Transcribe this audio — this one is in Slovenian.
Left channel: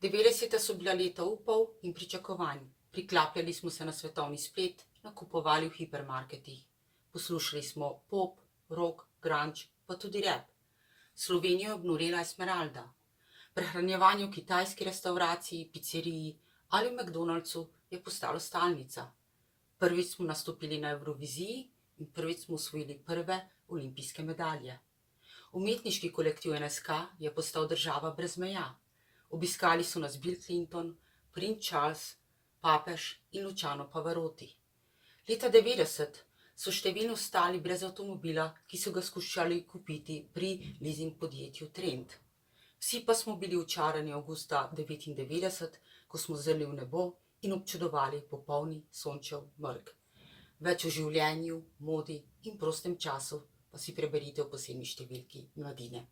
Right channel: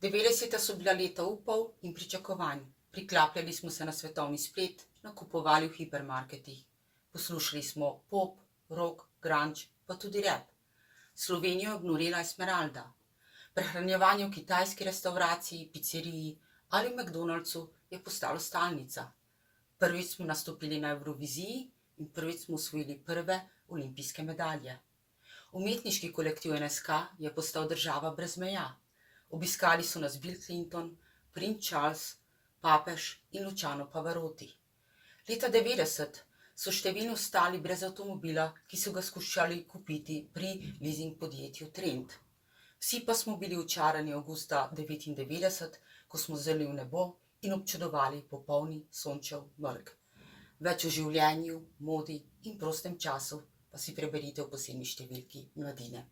90. so bila leta upov in pričakovanj. Priklapljali smo se na svetovni splet, nakupovali v hipermarketih. Poslušali smo pop, rock, grunge, pa tudi rap. Slovenijo je obnorela Esmeralda. Prehranjevanje v kitajski restavraciji, pizzeriji ali v McDonald'su je postalo stalnica. Prvič smo nastopili na Evroviziji in prvič smo osvojili prve olimpijske medalje. Umetniški kolektiv NSK je postal država brez meja. Obiskali so nas Bill Clinton, princ Charles, papež in Luciano Pavarotti. Leta 90 so številni ostali brez avtomobila, ki so ga skušali kupiti pri leasing podjetju Trend. Vsi pa smo bili očarani avgusta 99, ko smo zrli v nebo in občudovali popolni sončev mrk. Več o življenju, modi in prostem času pa si preberite v posebni številki Mladine.